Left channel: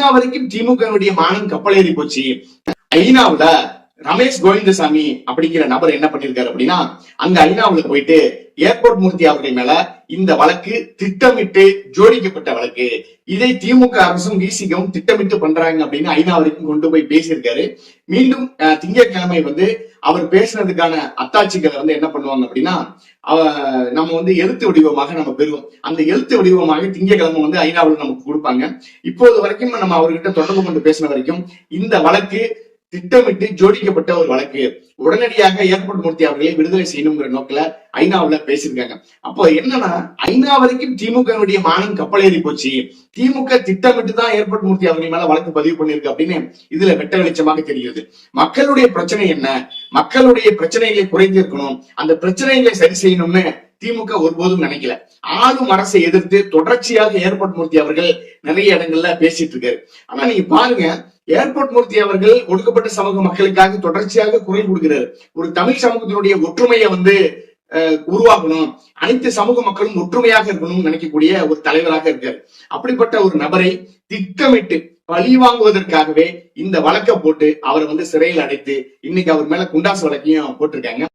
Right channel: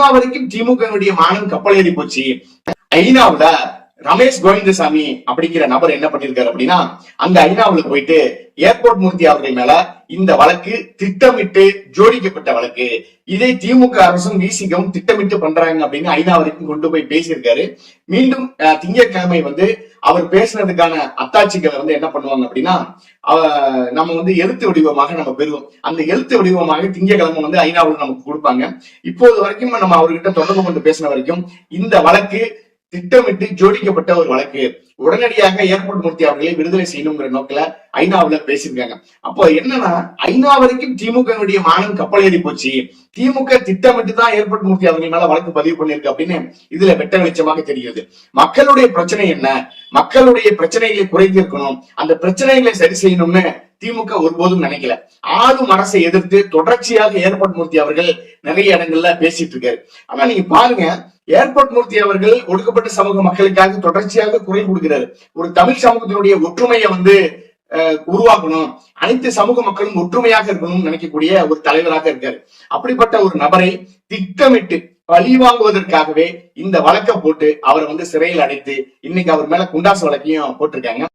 ஐநா வரைக்கும் திமுகவுடைய மானம் கப்பல் ஏறி போச்சு. ஐநாவுல ரமேஷ் கோவிந்தசாமி அப்படிங்கிற நபர் என்ன பண்ணிருக்காரு அப்படின்னா, அங்க ஐநாவுல போயிட்டு ஏர்போர்ட் மூர்த்தி அவர்கள் மேல இந்த வழக்கு திட்டமிட்டு ஜோடிக்கப்பட்ட வழக்கு, இதை திமுக அரசும் விசிகவும் திட்டமிட்டு பண்றாங்க அப்படின்னு ஐநா வரைக்கும் கொண்டு போய் பேசியிருக்காரு. மீண்டும் திங்கட்கிழமை அவர் பேசினதுக்கான அத்தாட்சிகளை என்ன பண்ணுவாங்க அப்படின்னா, நம்ம எழுத்து வடிவமாக நம்ம பெறுவோம். அந்த எழுத்து வடிவமாக திங்கட்கிழமை ஐநாவில் நமக்கு கொடுப்பாங்க. இப்போது வரைக்கும் நம்ம அவர்கிட்ட தொடர்பு கொண்டு பேசின வரைக்கும் இந்த வழக்கு திட்டமிட்டு ஜோடிக்கப்பட்ட ஒரு வழக்கு, உடனடியாக ஏர்போர்ட் மூர்த்தி அவர்களை விடுதலை செய்யணுங்கிற நோக்கில ஐநாவுல பேசியிருக்காங்க. அப்போ என்னன்னா, ஐநா வரைக்கும் திமுகவுடைய மானம் கப்பல் ஏறி போச்சு, திமுக திட்டமிட்டு தான் ஏர்போர்ட் மூர்த்தி அவர்கள் மேல வழக்கு பதிவு பண்ணிருக்கு அப்படின்னு இதுல வெட்ட வெளிச்சமாக தெரிகிறது. மக்களுடைய பிரச்சனை என்ன, மக்களுடைய பிரச்சனைகளை குறைந்திருக்கணும், அந்த பிரச்சனைகளை சரி செய்யணும்னு திமுக ஒருபோதும் நினைக்கல. ஆளும் அரசை எதிர்த்து தொடர்ச்சியாக ஏர்போர்ட் மூர்த்தி அவர்கள் நிறைய இடங்கள்ல பேசிட்டு இருக்காரு. ஆனா நீங்க பாருங்க, ஏர்போர்ட் மூர்த்தி அவர்கள் ஒடுக்கப்பட்ட சமூக மக்களுக்காக தொடர்ச்சியாக குரல் கொடுக்கிறாரு. ஒரு தமிழ் சமூகத்தினுடைய ஒற்றுமையை உருவாக்கணும், அனைத்து சமூக மக்களும் ஒற்றுமையாக இருக்கணும்னு நினைக்கக்கூடிய ஒரு தலைவராக இருக்காரு. அப்படிப்பட்ட ஒரு நபரை திட்டமிட்டு பழி வாங்குவதற்காகவே இந்த வழக்கை போட்டு அவரை சிறையில் அடைத்து இன்னைக்கு அவர் மேல குண்டாசு வழக்கையும் போட்டிருக்காங்க.